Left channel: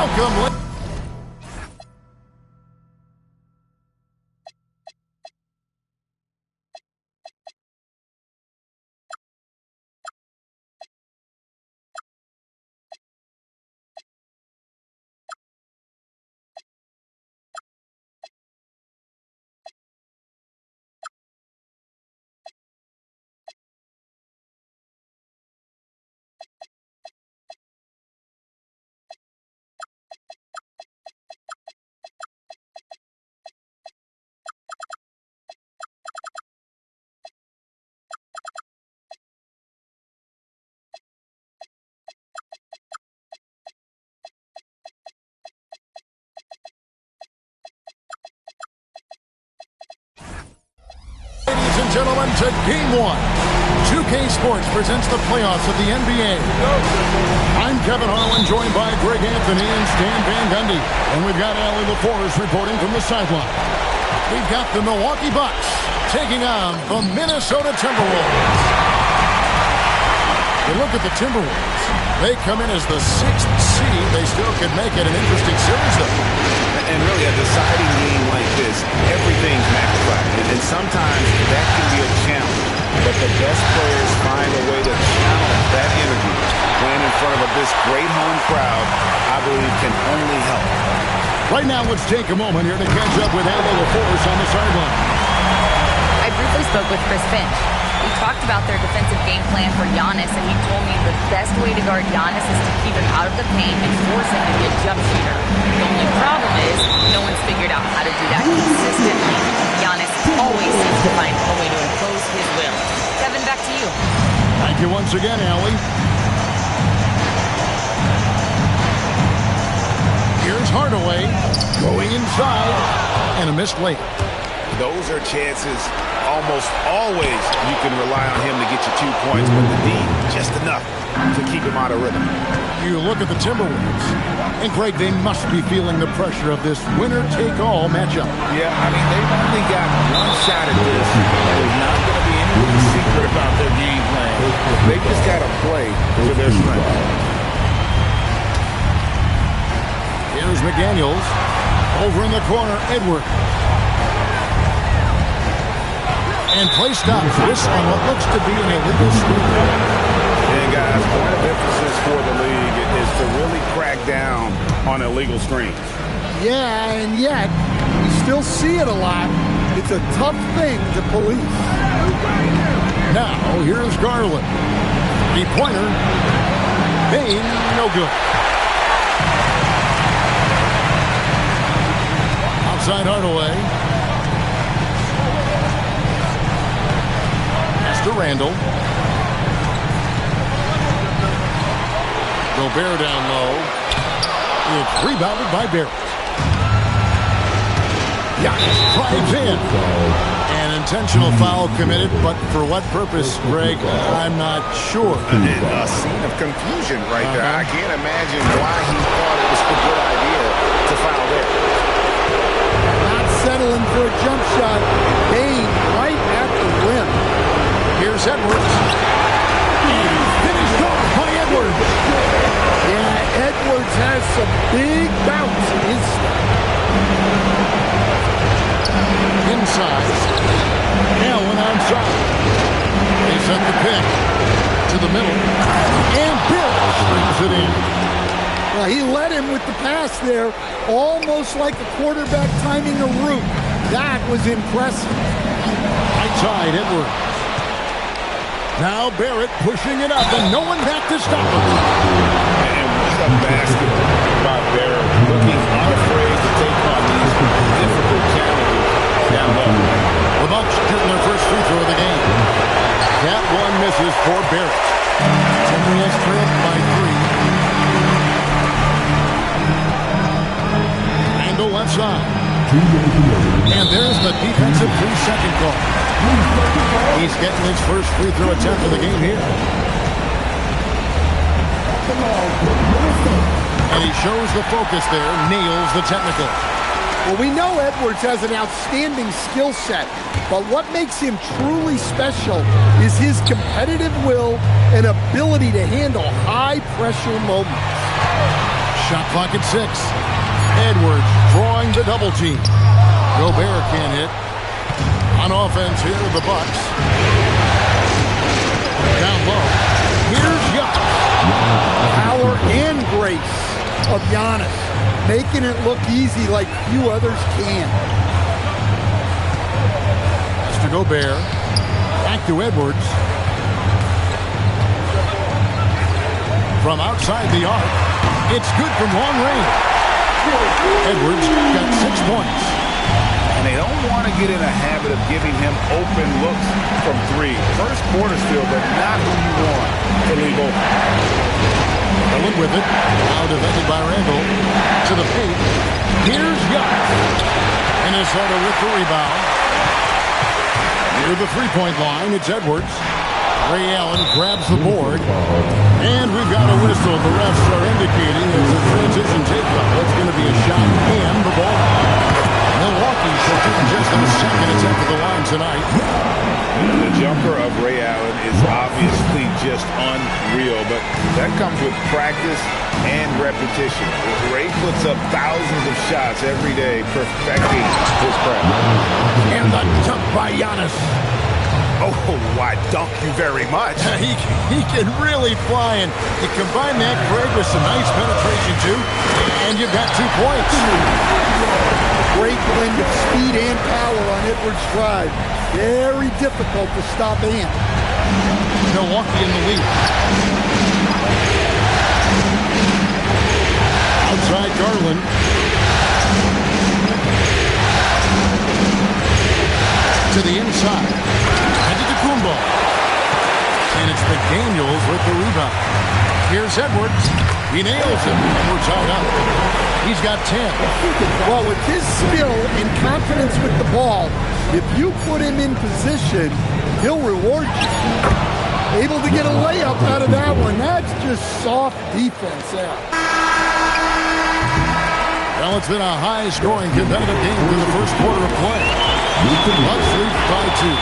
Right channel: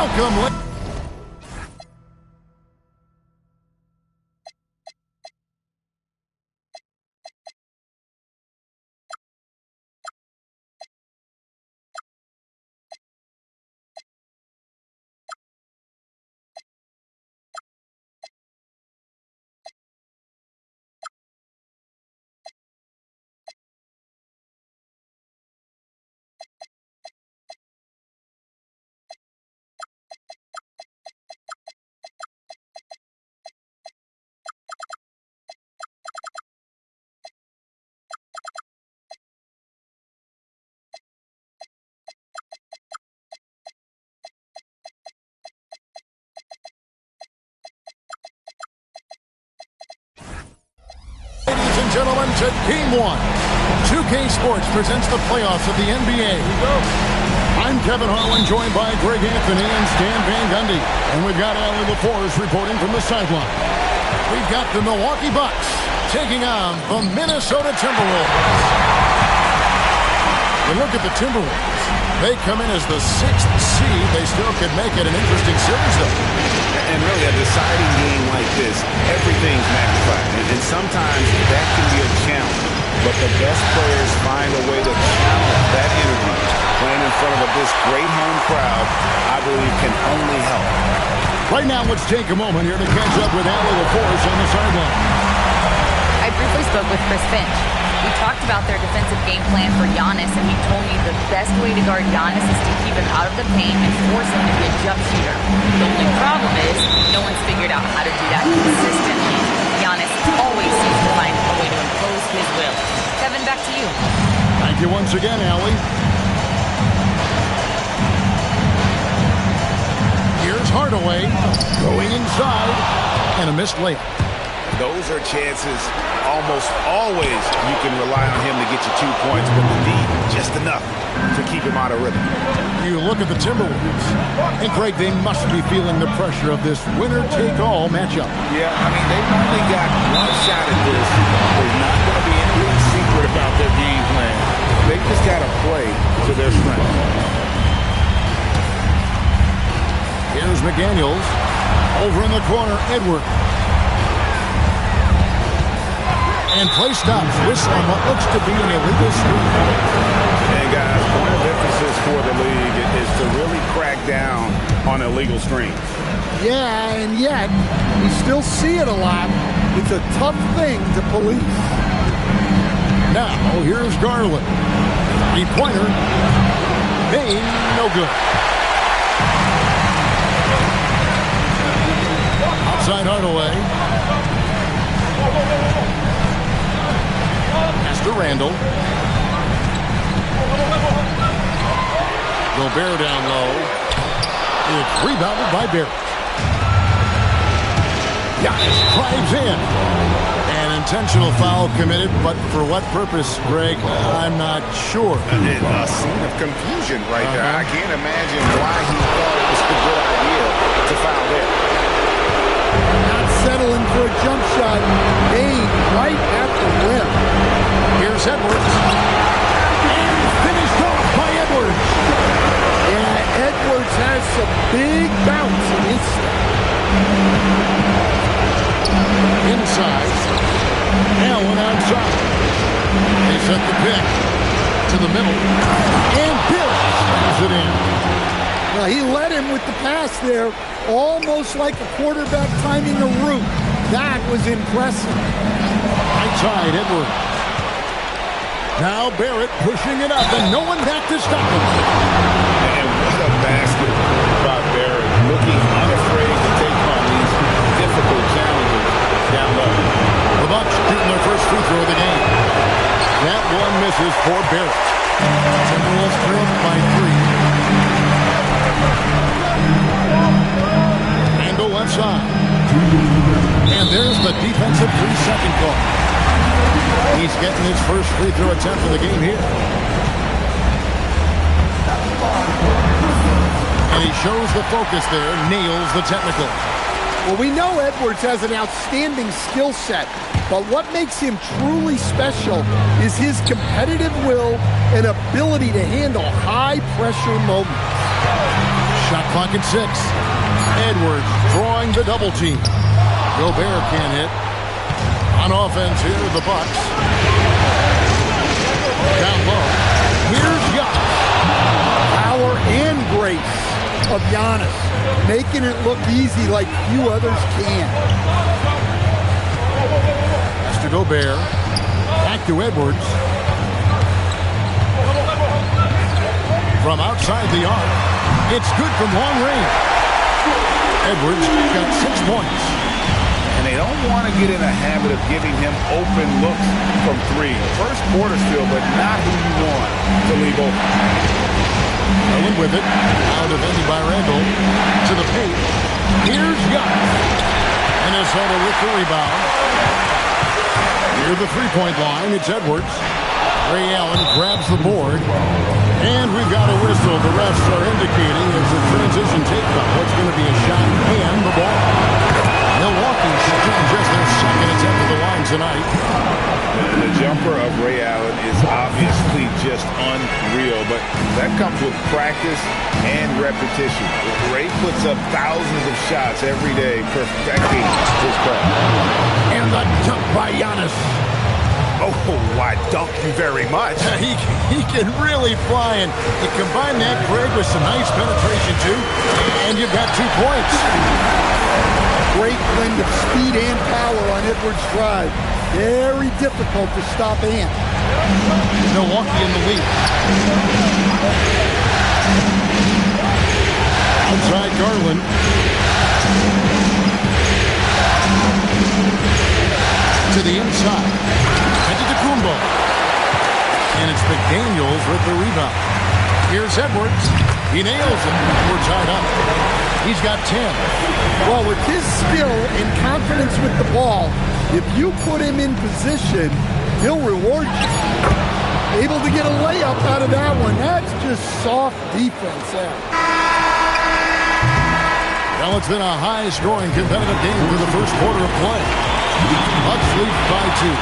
Welcome. Ladies and gentlemen, to Game 1. 2K Sports presents the playoffs of the NBA. I'm Kevin Harlan, joined by Greg Anthony and Stan Van Gundy. And we've got Allie LaForce reporting from the sideline. We've got the Milwaukee Bucks taking on the Minnesota Timberwolves. You look at the Timberwolves. They come in as the 6th seed. They still could make it an interesting series, though. And really, a deciding game like this, everything's magnified. And sometimes that can be a challenge. But the best players find a way to channel that energy. Playing in front of this great home crowd, I believe, can only help. Right now, let's take a moment here to catch up with Allie LaForce on the sideline. I briefly spoke with Chris Finch. We talked about their defensive game plan for Giannis, and he told me the best way to guard Giannis is to keep him out of the paint and force him to be a jump shooter. The only problem is no one's figured out how to do that consistently. Giannis always seems to find a way to impose his will. Kevin, back to you. Thank you once again, Allie. Here's Hardaway going inside and a missed layup. Those are chances almost always you can rely on him to get you 2 points, but the D, just enough to keep him out of rhythm. You look at the Timberwolves, and Greg, they must be feeling the pressure of this winner-take-all matchup. Yeah, I mean, they've only got one shot at this. There's not going to be anything secret about their game plan. They've just got to play to their strength. Here's McDaniels. Over in the corner, Edwards. And play stops. Whistle on what looks to be an illegal screen. And guys, point of emphasis for the league is to really crack down on illegal screens. Yeah, and yet we still see it a lot. It's a tough thing to police. Now, here's Garland. Three-pointer. Payne, no good. Outside Hardaway. To Randall. Gobert down low. It's rebounded by Barrett. Giannis drives in. An intentional foul committed, but for what purpose, Greg? I'm not sure. A scene of confusion right there. I can't imagine why he thought it was a good idea to foul there. Not settling for a jump shot. Payne right at the rim. Here's Edwards. And finished off by Edwards. Yeah, Edwards has some big bounce in his step. Inside. Allen outside. They set the pick to the middle. And Bill brings it in. Well, he led him with the pass there, almost like a quarterback timing a route. That was impressive. Right side, Edwards. Now Barrett pushing it up, and no one back to stop him. And what a basket by Barrett, looking unafraid to take on these difficult challenges down low. The Bucks shooting their first free throw of the game. That one misses for Barrett. Timberwolves trail by 3. Randall left side. And there's the defensive 3-second call. He's getting his first free throw attempt of the game here. And he shows the focus there, nails the technical. Well, we know Edwards has an outstanding skill set, but what makes him truly special is his competitive will and ability to handle high-pressure moments. Shot clock at 6. Edwards drawing the double team. Gobert can't hit. On offense here, the Bucks. Down low. Here's Giannis. Power and grace of Giannis, making it look easy like few others can. Has to Gobert. Back to Edwards. From outside the arc. It's good from long range. Edwards got 6 points. And they don't want to get in a habit of giving him open looks from 3. First quarter still, but not who you want to leave open. Garland with it. Now defended by Randall. To the paint. Here's Giannis. Minnesota with the rebound. Near the three-point line, it's Edwards. Ray Allen grabs the board. And we've got a whistle. The refs are indicating as the transition takeoff. It's going to be a shot and the ball. Milwaukee shooting just their second attempt at the line tonight. The jumper of Ray Allen is obviously just unreal, but that comes with practice and repetition. Ray puts up thousands of shots every day, perfecting his craft. And the dunk by Giannis. Oh, why dunk you very much. He can really fly, and you combine that, Greg, with some nice penetration, too, and you've got 2 points. Great blend of speed and power on Edwards' drive. Very difficult to stop Ant. Milwaukee in the lead. Outside Garland. To the inside. Kumbo. And it's McDaniels with the rebound. Here's Edwards. He nails it, and we're tied up. He's got 10. Well, with his skill and confidence with the ball, if you put him in position, he'll reward you. Able to get a layup out of that one. That's just soft defense out. Well, it's been a high-scoring competitive game through the first quarter of play. Bucks lead by 2.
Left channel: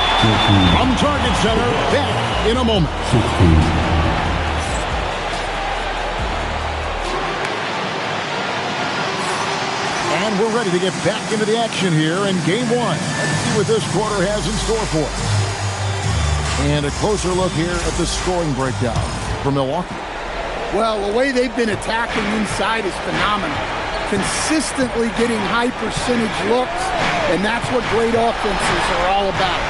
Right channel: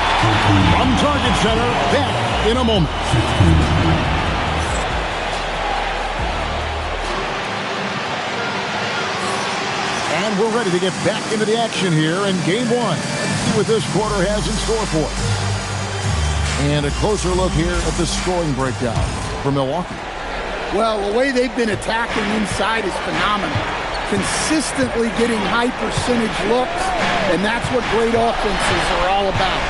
From Target Center, back in a moment. And we're ready to get back into the action here in Game 1. Let's see what this quarter has in store for us. And a closer look here at the scoring breakdown for Milwaukee. Well, the way they've been attacking inside is phenomenal. Consistently getting high percentage looks, and that's what great offenses are all about.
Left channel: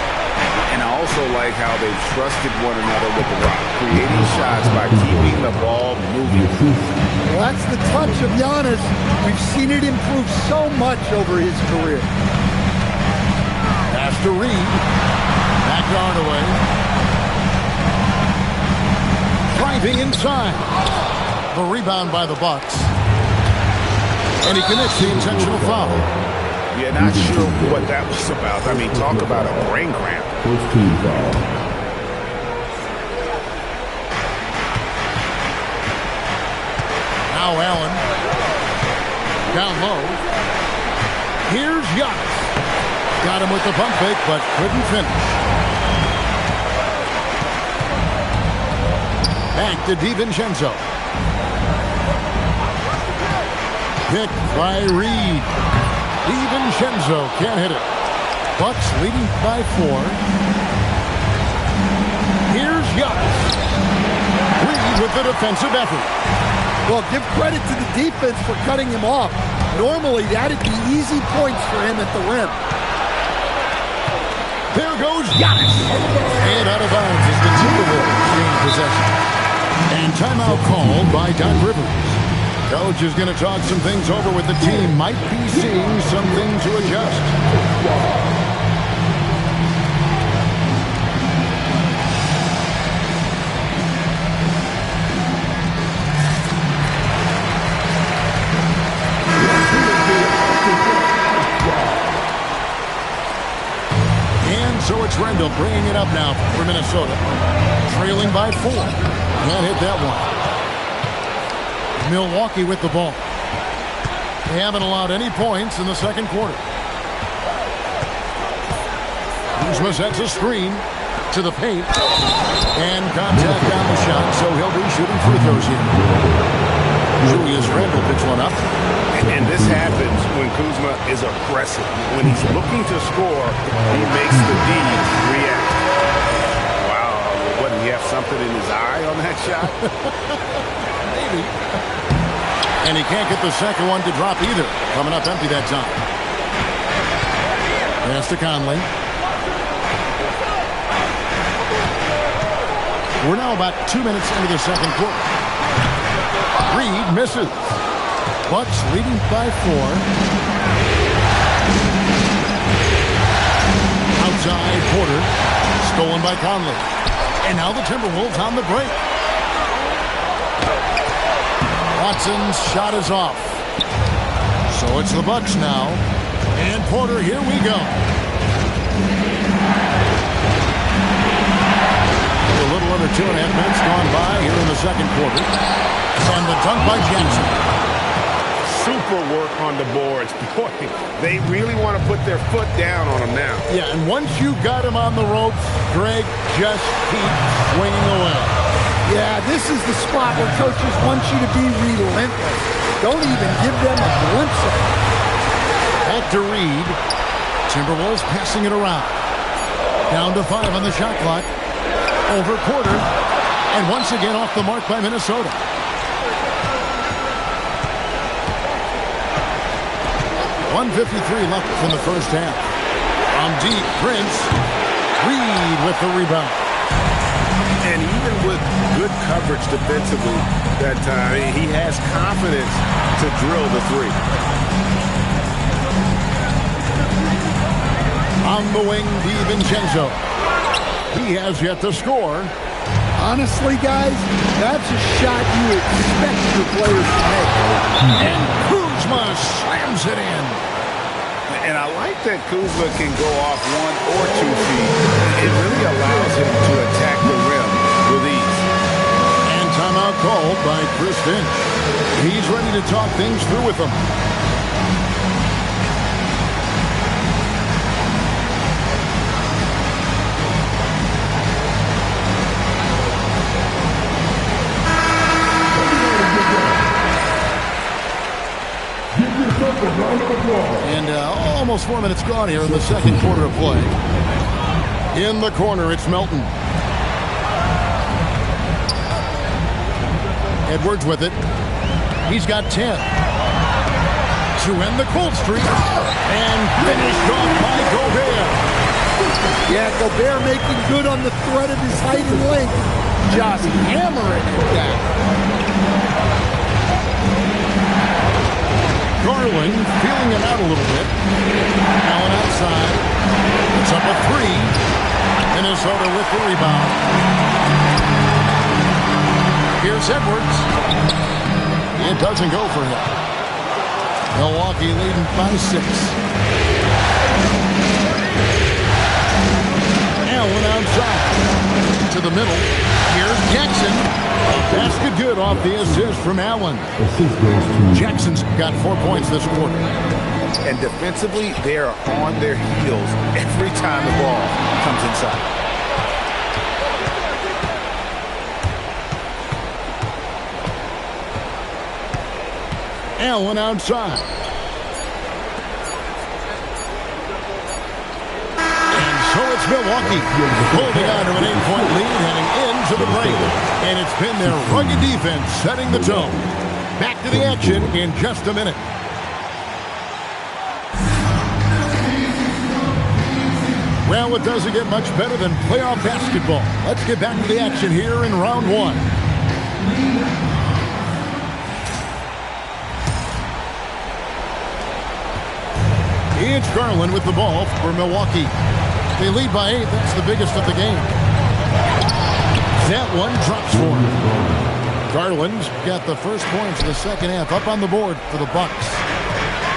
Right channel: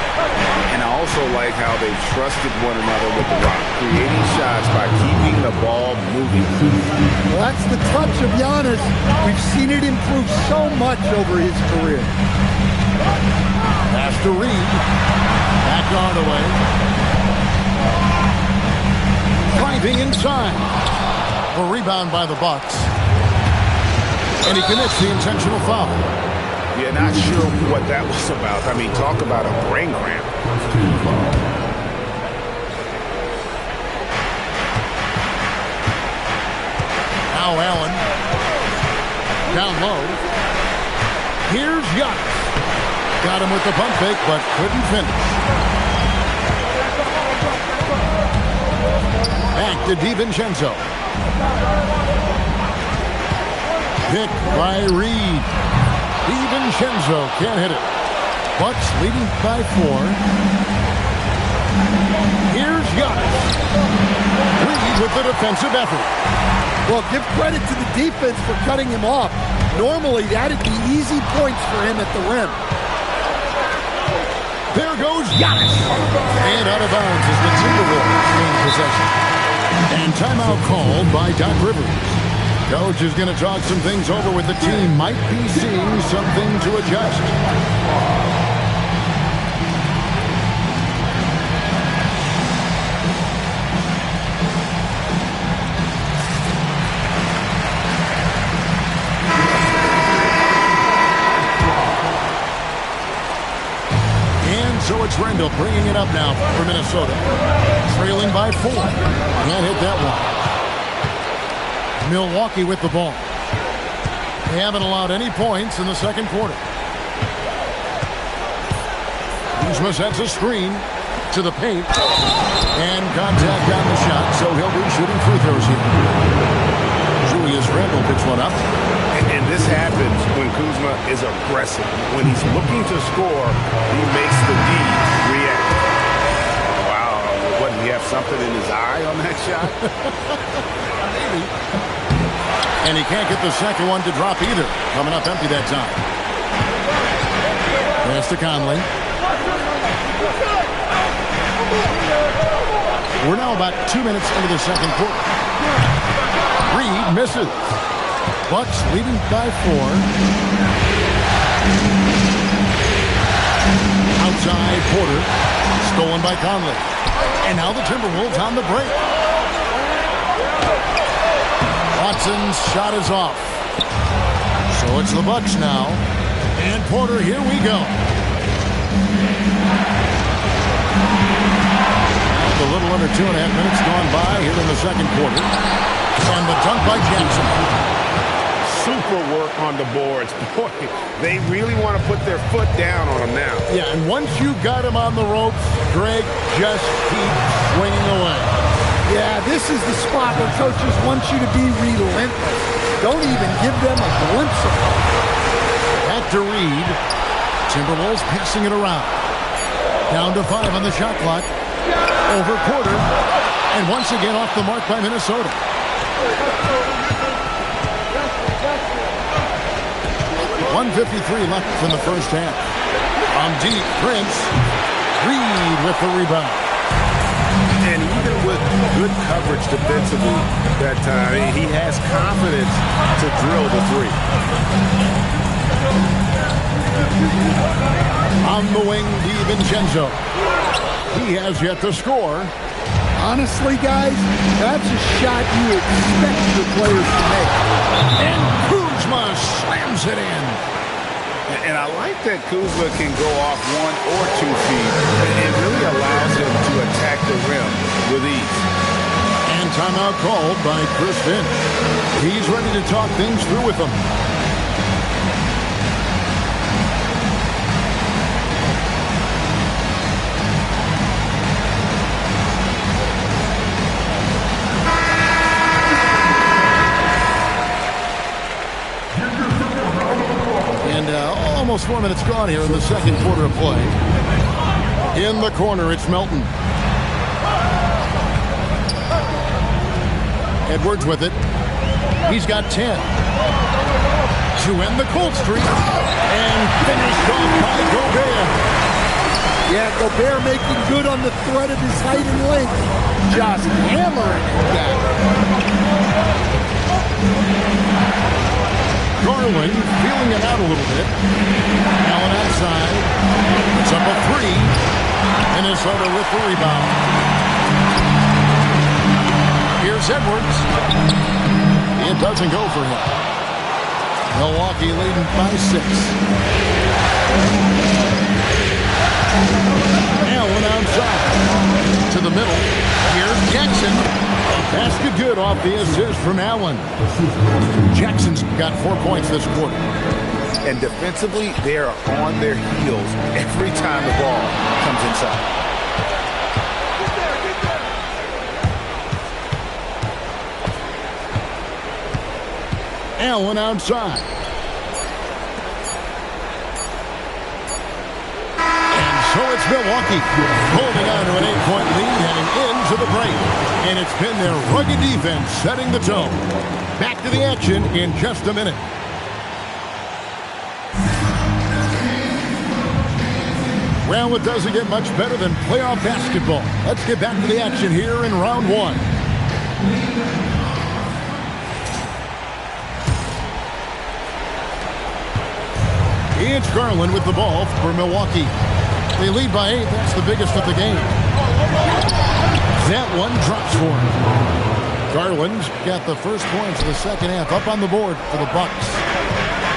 And I also like how they've trusted one another with the rock, creating shots by keeping the ball moving. Well, that's the touch of Giannis. We've seen it improve so much over his career. Pass to Reed. Back Hardaway. Driving inside. The rebound by the Bucks. And he commits the intentional foul. Yeah, not sure what that was about. I mean, talk about a brain cramp. First team foul. Now Allen. Down low. Here's Giannis. Got him with the pump fake, but couldn't finish. Back to DiVincenzo. Pick by Reed. DiVincenzo can't hit it. Bucks leading by 4. Here's Giannis. Reed with the defensive effort. Well, give credit to the defense for cutting him off. Normally, that'd be easy points for him at the rim. There goes Giannis. And out of bounds as the Timberwolves gain possession. And timeout called by Doc Rivers. Coach is going to talk some things over with the team. Might be seeing something to adjust. And so it's Randall bringing it up now for Minnesota. Trailing by 4. Can't hit that one. Milwaukee with the ball. They haven't allowed any points in the second quarter. Kuzma sets a screen to the paint. And contact on the shot, so he'll be shooting free throws here. Julius Randle picks one up. And this happens when Kuzma is aggressive. When he's looking to score, he makes the D react. Wow, what, did he have something in his eye on that shot? Maybe. And he can't get the second one to drop either. Coming up empty that time. Pass to Conley. We're now about 2 minutes into the second quarter. Reed misses. Bucks leading by 4. Outside Porter. Stolen by Conley. And now the Timberwolves on the break. Watson's shot is off. So it's the Bucks now. And Porter, here we go. And a little under 2.5 minutes gone by here in the second quarter. And the dunk by Jackson. Super work on the boards. Boy, they really want to put their foot down on him now. Yeah, and once you got him on the ropes, Greg, just keep swinging away. Yeah, this is the spot where coaches want you to be relentless. Don't even give them a glimpse of it. Back to Reed. Timberwolves passing it around. Down to 5 on the shot clock. Over Porter. And once again off the mark by Minnesota. .153 left in the first half. From deep, Prince. Reed with the rebound. And even with good coverage defensively that time, he has confidence to drill the 3. On the wing, DiVincenzo. He has yet to score. Honestly, guys, that's a shot you expect your players to make. And Kuzma slams it in. And I like that Kuzma can go off 1 or 2 feet. It really allows him to attack the rim with ease. And timeout called by Chris Finch. He's ready to talk things through with them. And almost 4 minutes gone here in the second quarter of play. In the corner, it's Melton. Edwards with it. He's got 10. To end the cold streak. And finished off by Gobert. Yeah, Gobert making good on the threat of his height and length. Just hammering it down. Garland feeling it out a little bit. Allen outside. It's up a 3. Minnesota with the rebound. Here's Edwards. It doesn't go for him. Milwaukee leading by 6. Allen outside. To the middle. Here's Jackson. Basket good off the assist from Allen. Jackson's got 4 points this quarter. And defensively, they are on their heels every time the ball comes inside. Allen outside. So it's Milwaukee holding on to an 8-point lead heading into the break. And it's been their rugged defense setting the tone. Back to the action in just a minute. Well, it doesn't get much better than playoff basketball. Let's get back to the action here in round 1. It's Garland with the ball for Milwaukee. They lead by 8. That's the biggest of the game. That one drops for him. Garland's got the first points of the second half up on the board for the Bucks.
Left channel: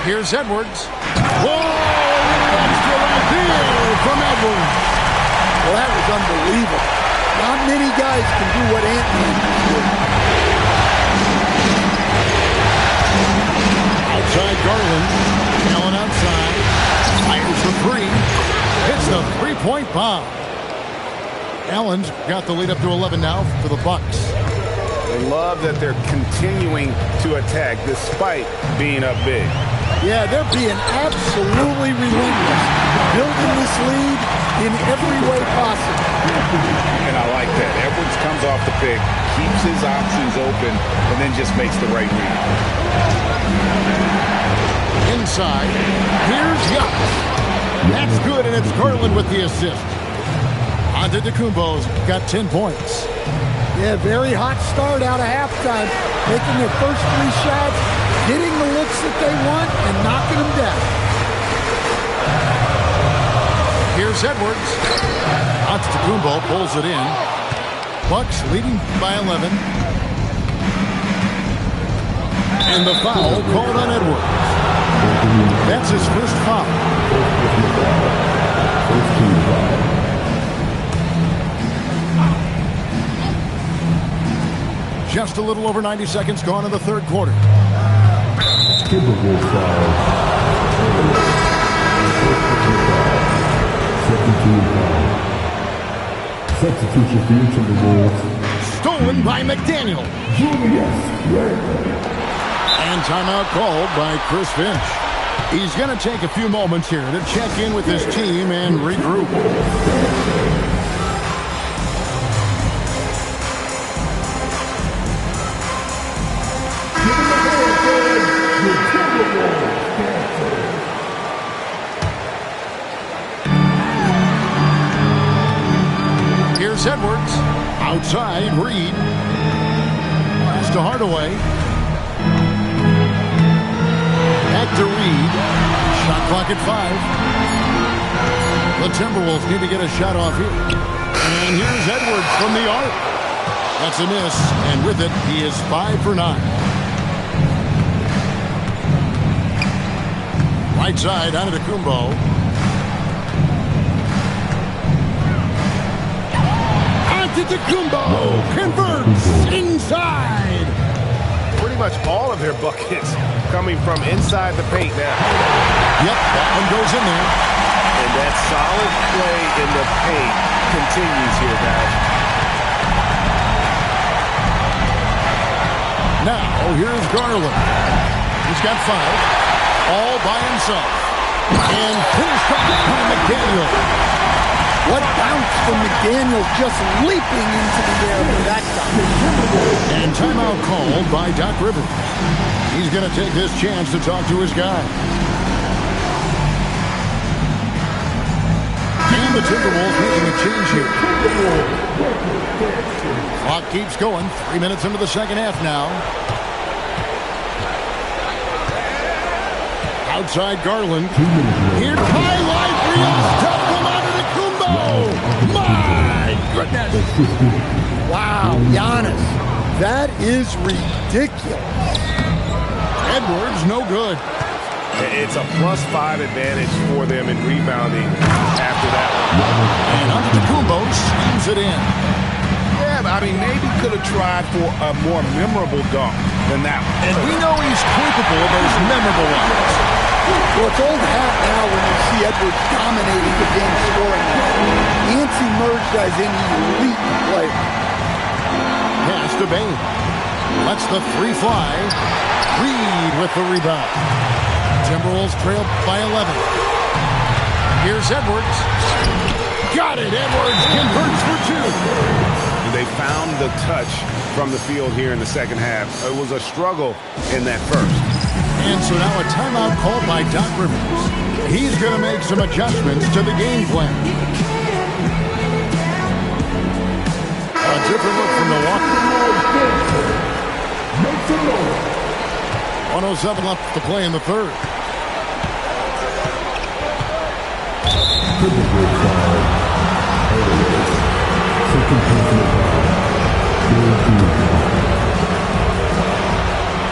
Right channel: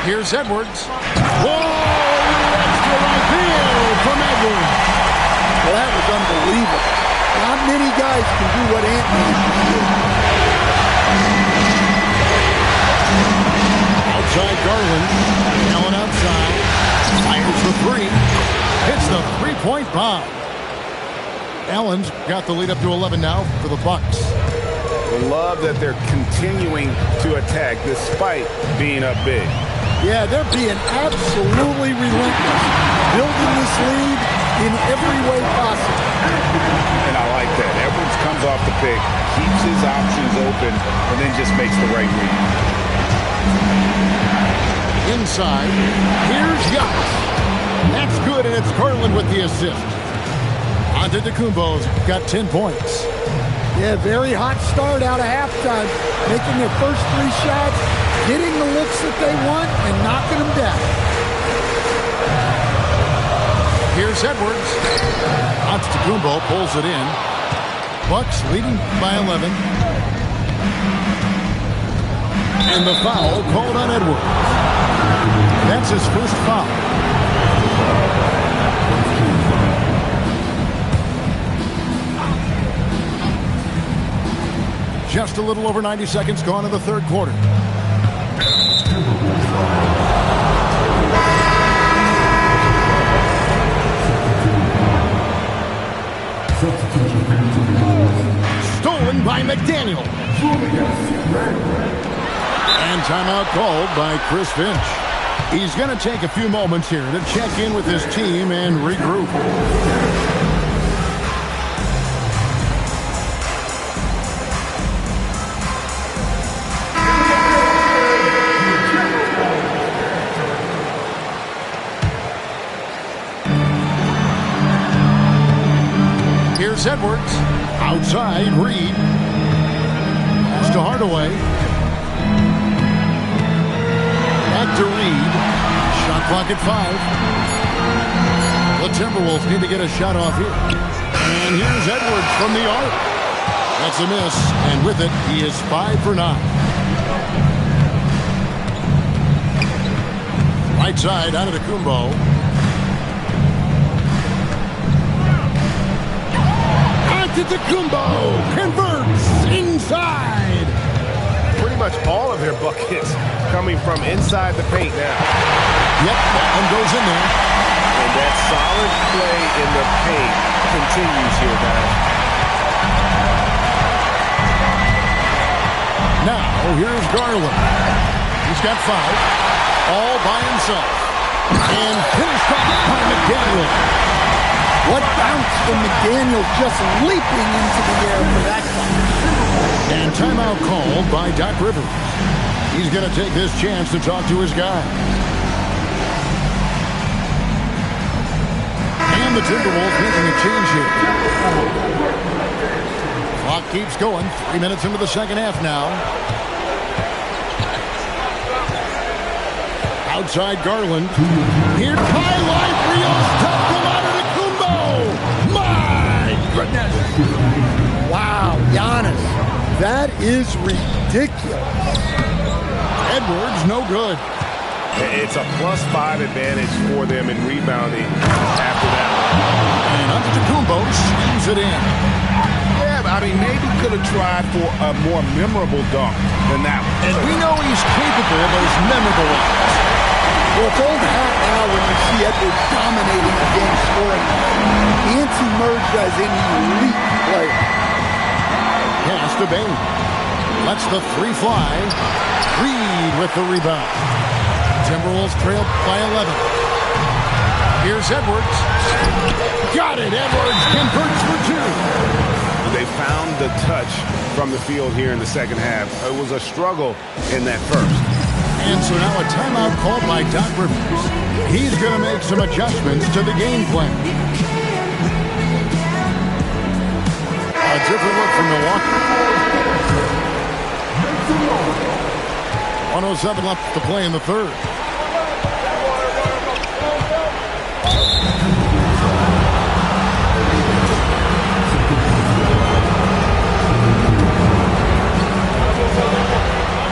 Here's Edwards. Whoa! A little extra right there from Edwards. Well, that was unbelievable. Not many guys can do what Ant-Man did. Outside Garland. Allen outside. Fires the 3. Hits the 3-point bomb. Allen's got the lead up to 11 now for the Bucks. They love that they're continuing to attack despite being up big. Yeah, they're being absolutely relentless, building this lead in every way possible. And I like that. Edwards comes off the pick, keeps his options open, and then just makes the right read. Inside, here's Giannis. That's good, and it's Garland with the assist. Antetokounmpo's got 10 points. Yeah, very hot start out of halftime, making their first 3 shots, getting the looks that they want, and knocking them down. Here's Edwards. Antetokounmpo pulls it in. Bucks leading by 11. And the foul called on Edwards. That's his first foul. Just a little over 90 seconds gone in the third quarter. Stolen by McDaniel. And timeout called by Chris Finch. He's going to take a few moments here to check in with his team and regroup. Here's Edwards. Outside, Reed. Pass to Hardaway. Back to Reed. Shot clock at 5. The Timberwolves need to get a shot off here. And here's Edwards from the arc. That's a miss, and with it, he is 5 for 9. Right side, Antetokounmpo. Antetokounmpo converts inside. Pretty much all of their buckets coming from inside the paint now. Yep, that one goes in there. And that solid play in the paint continues here, guys. Now, here's Garland. He's got 5, all by himself. And finished off by McDaniel. What bounce from McDaniel, just leaping into the air for that time. And timeout called by Doc Rivers. He's going to take this chance to talk to his guys. And the Timberwolves making a change here. Clock keeps going. 3 minutes into the second half now. Outside Garland. Here's highlight real stuff from Antetokounmpo. My goodness. Wow, Giannis. That is ridiculous. Edwards, no good. It's a +5 advantage for them in rebounding after that one. And Antetokounmpo slams it in. Yeah, but I mean, maybe could have tried for a more memorable dunk than that one. And we know he's capable of those memorable ones. Well, it's old hat now when you see Edwards dominating the game scoring. Ants emerged as an elite player. Pass to Bain. Lets the 3 fly. Reed with the rebound. Timberwolves trail by 11. Here's Edwards. Got it. Edwards converts for 2. They found the touch from the field here in the second half. It was a struggle in that first. And so now a timeout called by Doc Rivers. He's going to make some adjustments to the game plan. A different look from Milwaukee. 107 left to play in the third.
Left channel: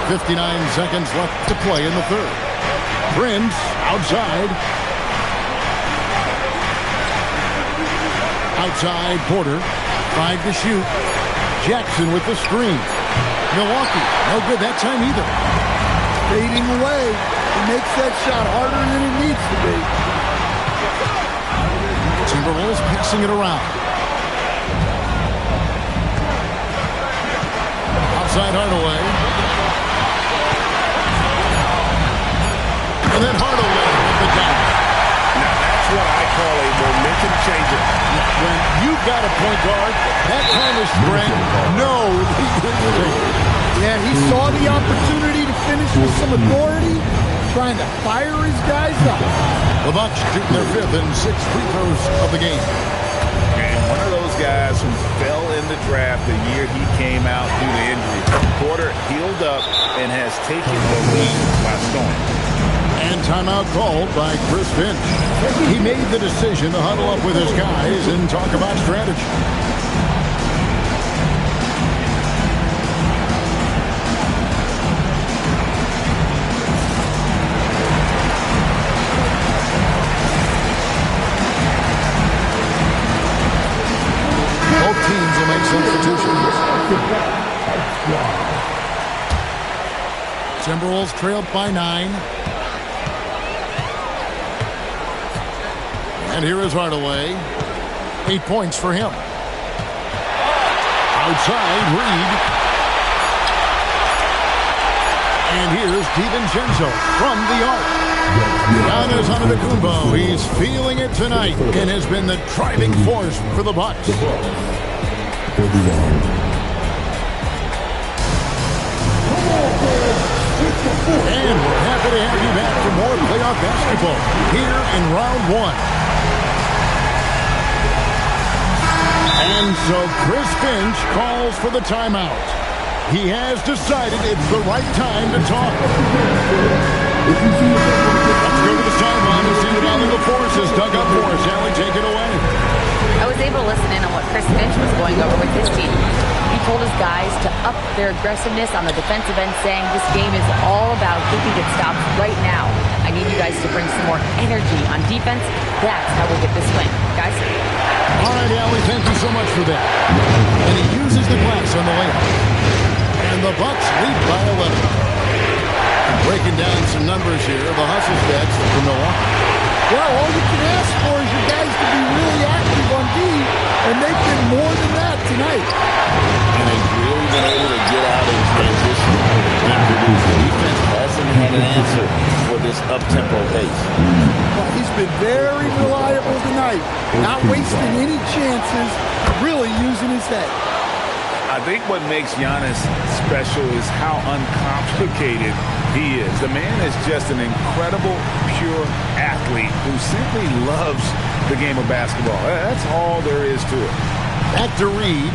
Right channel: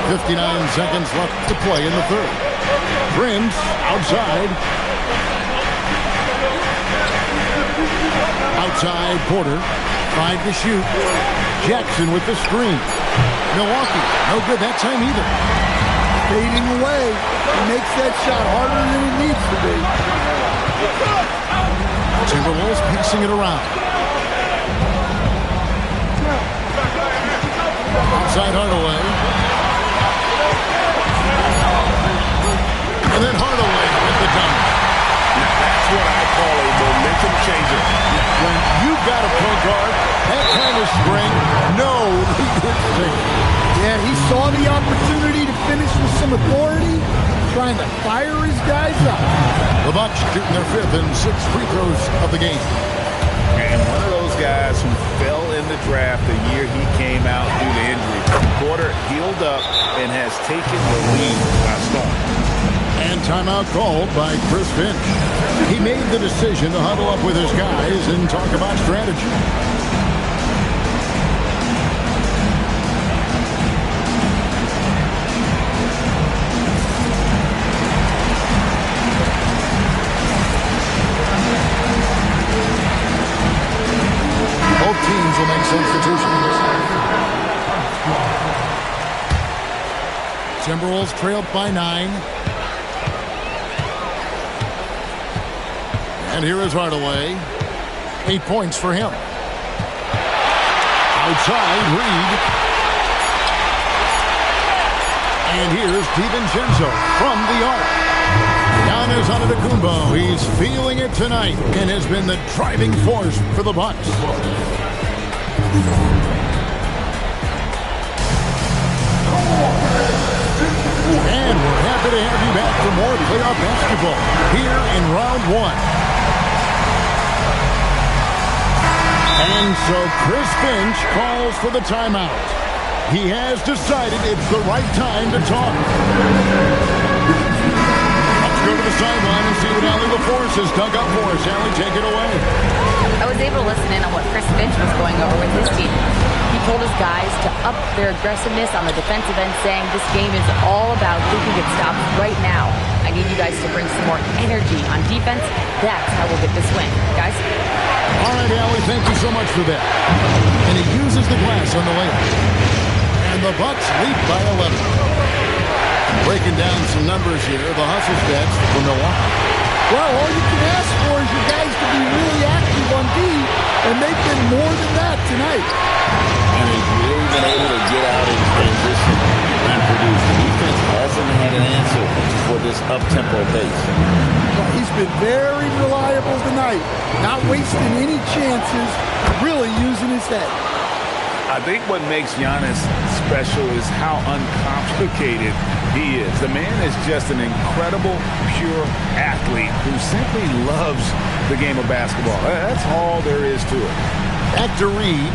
.59 seconds left to play in the third. Prince outside. Outside Porter. 5 to shoot. Jackson with the screen. Milwaukee, no good that time either. Fading away. He makes that shot harder than it needs to be. Timberwolves passing it around. inside Hardaway. And then Hardaway with the dunk. Now that's what I call a momentum changer. Yeah, when you've got a point guard, that kind of spring, no lead is safe. Yeah, he saw the opportunity to finish with some authority, trying to fire his guys up. The Bucks shooting their 5th and 6th free throws of the game. And one of those guys who fell in the draft the year he came out due to injury. Porter healed up and has taken the lead by storm. And timeout called by Chris Finch. He made the decision to huddle up with his guys and talk about strategy. Both teams will make substitutions. Timberwolves trailed by 9. And here is Hardaway. 8 points for him. Outside, Reed. And here's DiVincenzo from the arc. Giannis Antetokounmpo. He's feeling it tonight and has been the driving force for the Bucks. And we're happy to have you back for more playoff basketball here in round 1. And so Chris Finch calls for the timeout. He has decided it's the right time to talk. Let's go to the sideline and see what Allie LaForce has dug up for us. Allie, take it away. I was able to listen in on what Chris Finch was going over with his team. He told his guys to up their aggressiveness on the defensive end, saying this game is all about who can get stops right now. I need you guys to bring some more energy on defense. That's how we'll get this win. Guys? All right, Allie, thank you so much for that. And he uses the glass on the layup. And the Bucks lead by 11. And breaking down some numbers here, the hustle stats for Milwaukee. Well, all you can ask for is your guys to be really active on D, and they've been more than that tonight. And they've really been able to get out in transition and produce. The defense hasn't had an answer for this up-tempo pace. Well, he's been very reliable tonight, not wasting any chances, really using his head. I think what makes Giannis special is how uncomplicated he is. The man is just an incredible, pure athlete who simply loves the game of basketball. That's all there is to it. Back to Reed.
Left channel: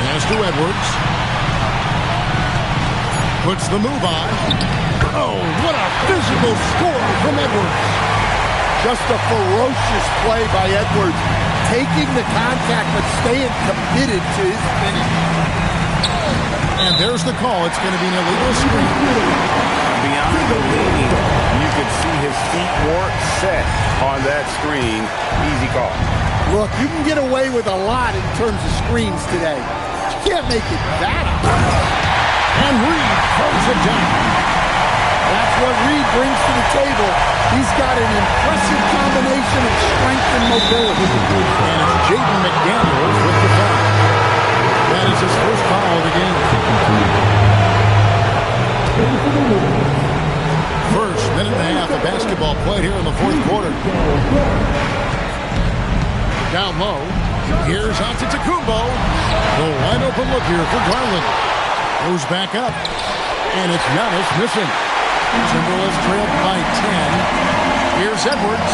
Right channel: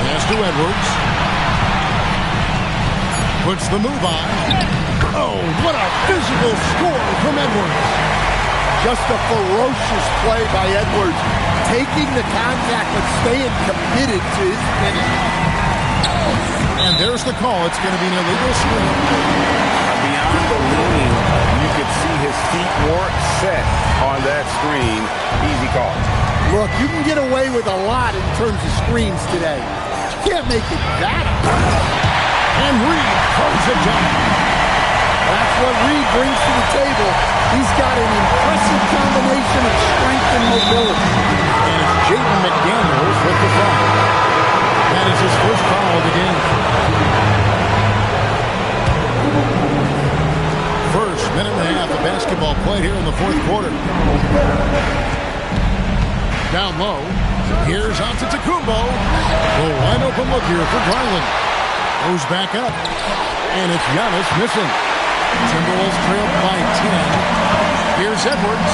Pass to Edwards. Puts the move on. Oh, what a physical score from Edwards. Just a ferocious play by Edwards. Taking the contact, but staying committed to his finish. And there's the call. It's going to be an illegal screen. Beyond the leaning, you could see his feet weren't set on that screen. Easy call. Look, you can get away with a lot in terms of screens today. You can't make it that high. And Reed throws it down. That's what Reed brings to the table. He's got an impressive combination of strength and mobility. And it's Jaden McDaniels with the foul. That is his first foul of the game. First minute and a half of basketball played here in the fourth quarter. Down low. Here's Antetokounmpo. The wide open look here for Garland. Goes back up. And it's Giannis missing. Timberwolves trailed by 10. Here's Edwards.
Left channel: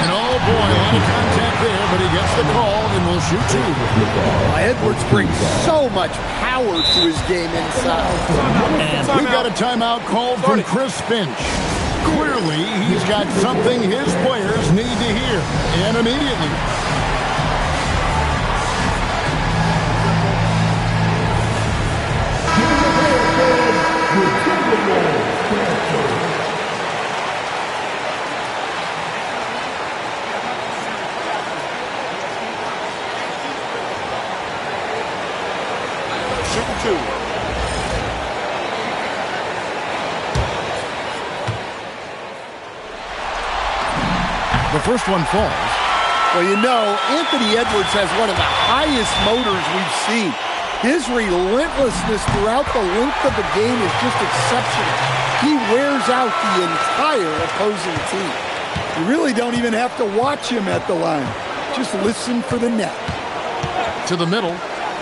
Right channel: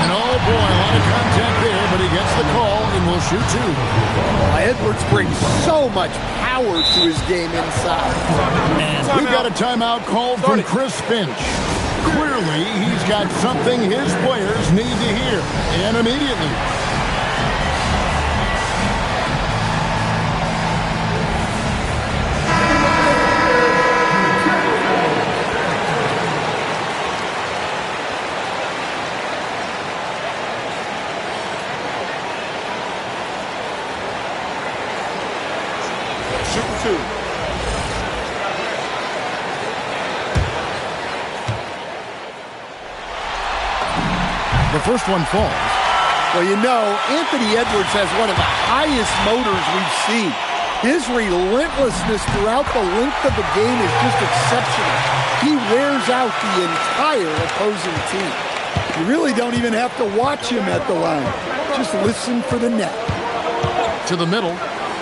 And oh boy, a lot of contact there, but he gets the call and will shoot 2. Edwards brings so much power to his game inside. And we got a timeout called from Chris Finch. Clearly, he's got something his players need to hear, and immediately. Shooting 2. The first one falls. Well, you know, Anthony Edwards has one of the highest motors we've seen. His relentlessness throughout the length of the game is just exceptional. He wears out the entire opposing team. You really don't even have to watch him at the line. Just listen for the net. To the middle.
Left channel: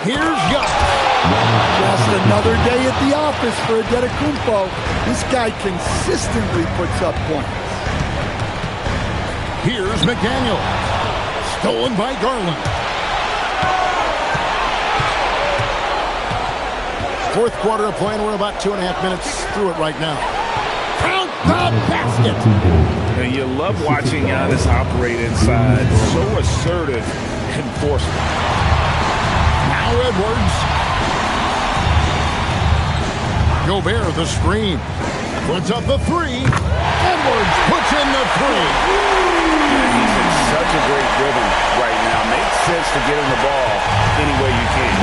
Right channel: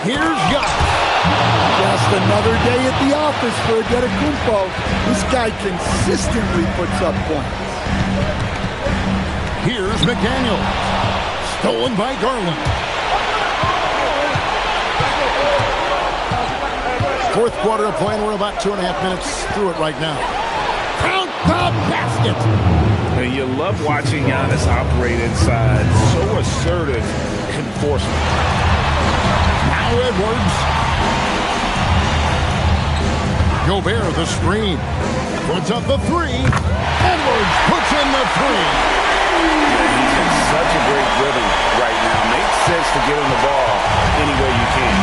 Here's Giannis. Just another day at the office for Antetokounmpo. This guy consistently puts up points. Here's McDaniels. Stolen by Garland. Fourth quarter of play, and we're about 2.5 minutes through it right now. Count the basket. And you love watching Giannis operate inside. So assertive enforcement. Now Edwards. Gobert the screen. Puts up the three. Edwards puts in the three. Yeah, he's in such a great rhythm right now. Makes sense to get him the ball any way you can.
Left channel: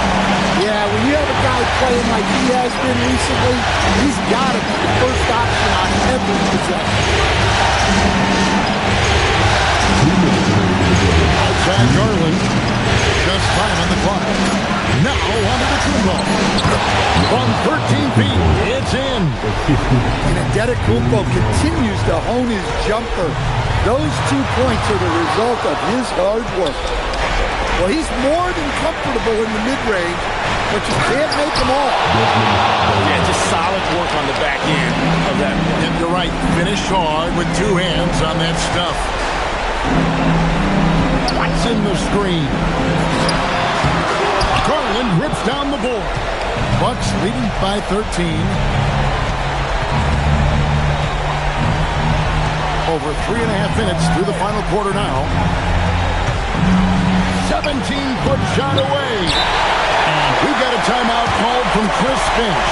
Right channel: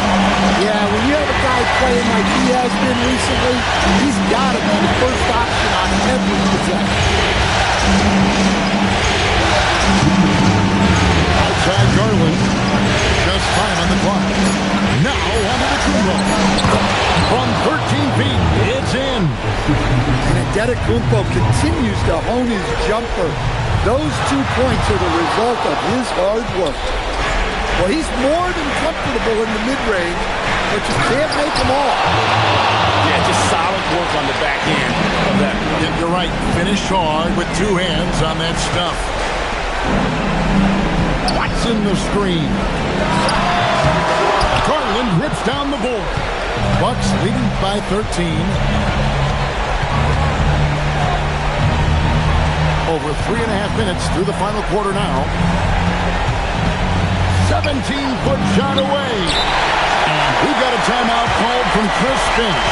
Yeah, when you have a guy playing like he has been recently, he's got to be the first option on every possession. Outside Garland. Just time on the clock. Now onto the Kumbo. From 13 feet, it's in. And Antetokounmpo continues to hone his jumper. Those 2 points are the result of his hard work. Well, he's more than comfortable in the mid-range, but you can't make them all. Yeah, just solid work on the back end of that play. Yep, you're right. Finish hard with 2 hands on that stuff. Watson the screen. Garland rips down the board. Bucks leading by 13. Over 3.5 minutes through the final quarter now. 17-foot shot away. And we've got a timeout called from Chris Finch.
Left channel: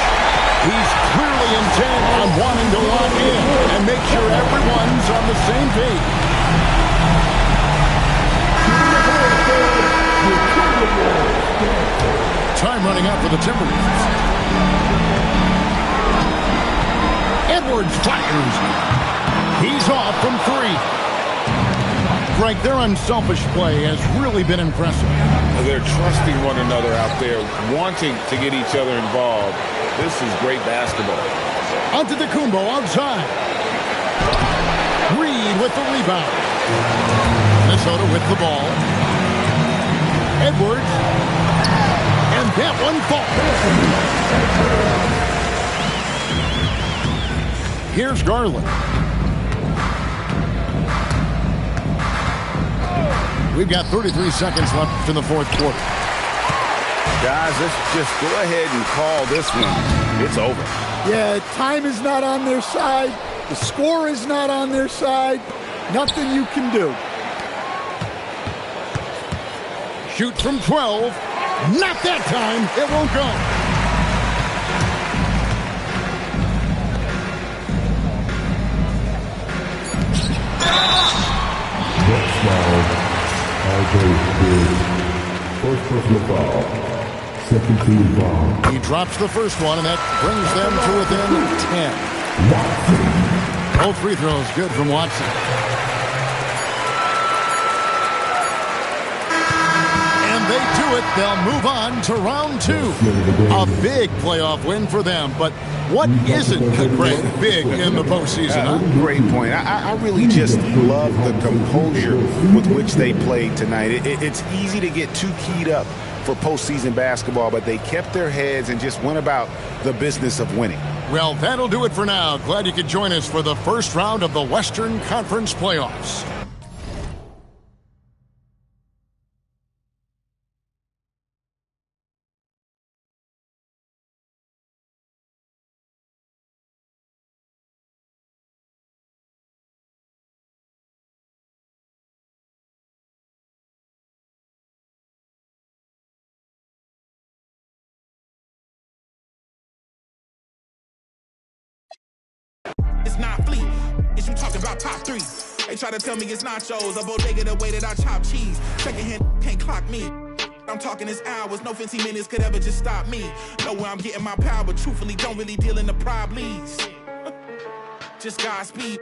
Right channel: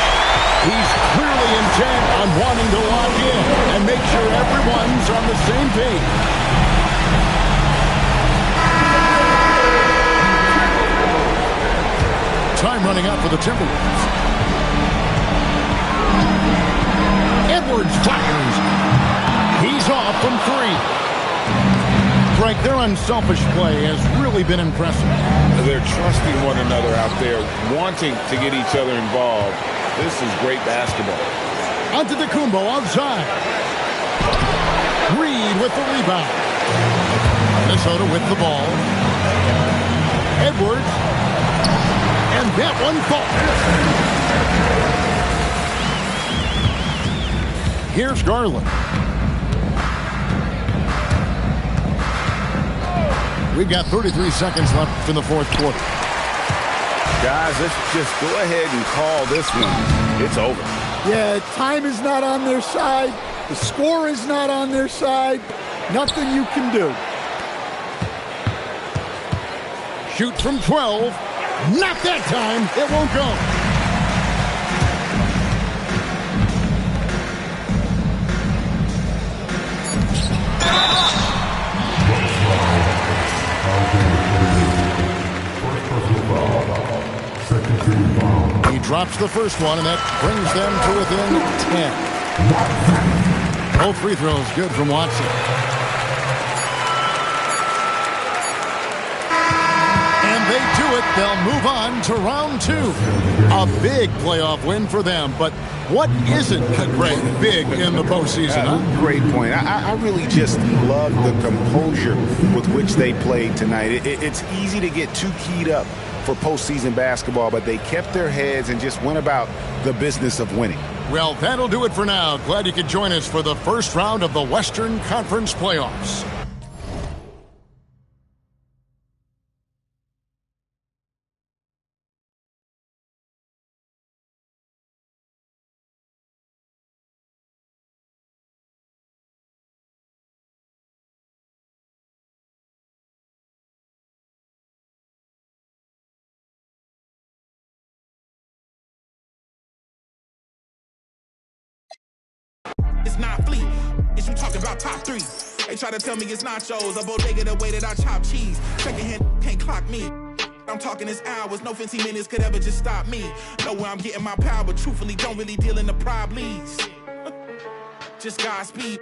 He's clearly intent on wanting to lock in and make sure everyone's on the same page. Time running out for the Timberwolves. Edwards fires. He's off from 3. Frank, their unselfish play has really been impressive. They're trusting one another out there, wanting to get each other involved. This is great basketball. Onto the Kumbo outside. Reed with the rebound. Minnesota with the ball. Edwards. And that one falls. Here's Garland. We've got 33 seconds left in the fourth quarter. Guys, let's just go ahead and call this one. It's over. Yeah, time is not on their side. The score is not on their side. Nothing you can do. Shoot from 12. Not that time. It won't go. First personal foul. Second team foul. He drops the first one, and that brings them to within 10. Both free throws good from Watson. And they do it. They'll move on to round 2. A big playoff win for them, but what isn't a great big in the postseason, huh? Great point. I really just love the composure with which they played tonight. It's easy to get too keyed up for postseason basketball, but they kept their heads and just went about the business of winning. Well, that'll do it for now. Glad you could join us for the first round of the Western Conference playoffs. It's not fleet. Is you talking about top 3? They try to tell me it's nachos, a bodega the way that I chop cheese. Second hand can't clock me. I'm talking this hours, no 15 minutes could ever just stop me. Know where I'm getting my power, truthfully don't really deal in the problems. Just Godspeed.